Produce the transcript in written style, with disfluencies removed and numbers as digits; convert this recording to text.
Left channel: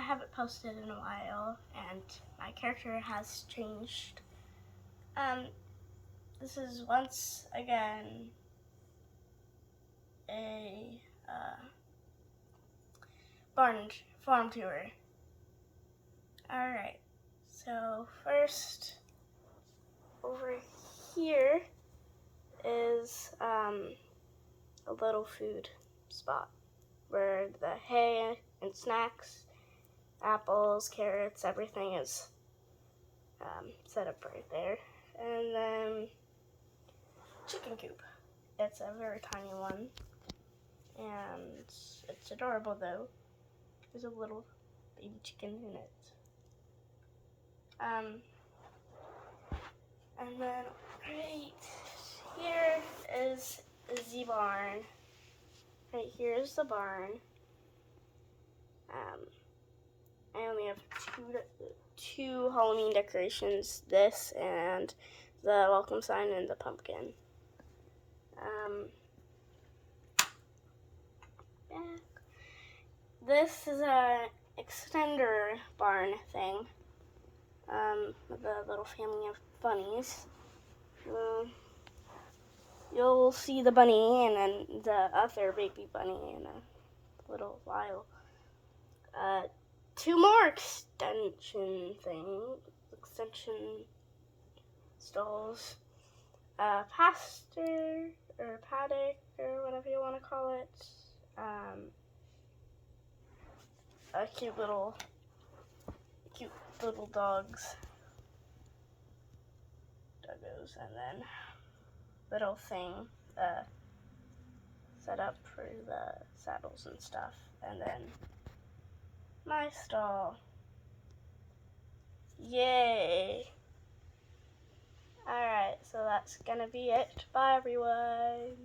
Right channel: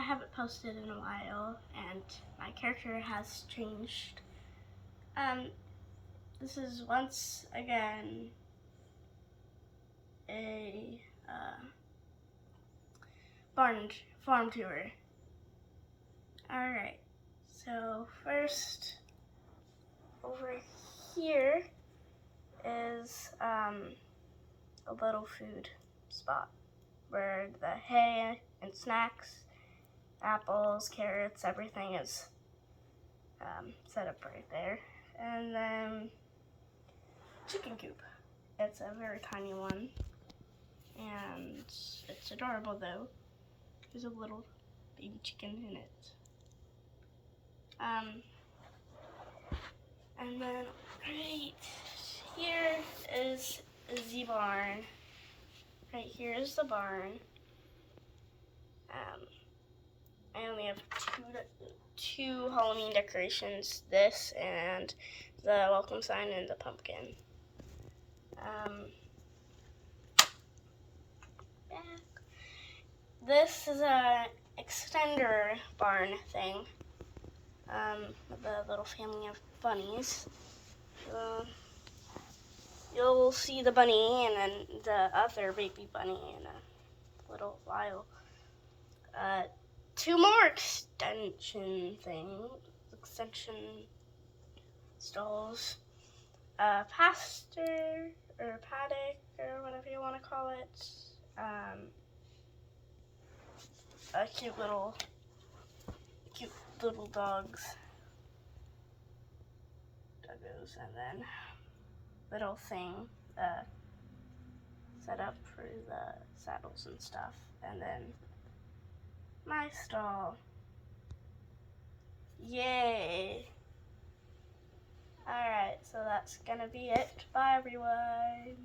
I haven't posted in a while, and my character has changed. This is once again a farm tour. Alright, so first, over here is a little food spot where the hay and snacks, apples, carrots, everything is set up right there. And then chicken coop. It's a very tiny one, and it's adorable though. There's a little baby chicken in it. And then right here is the barn. Right here is the barn. I only have two Halloween decorations, this and the welcome sign and the pumpkin. This is a extender barn thing. The little family of bunnies. You'll see the bunny and then the other baby bunny in a little while. Two more extension stalls. Pasture or paddock or whatever you want to call it. Cute little doggos, and then little thing set up for the saddles and stuff, and then my stall. Yay! Alright, so that's gonna be it. Bye everyone!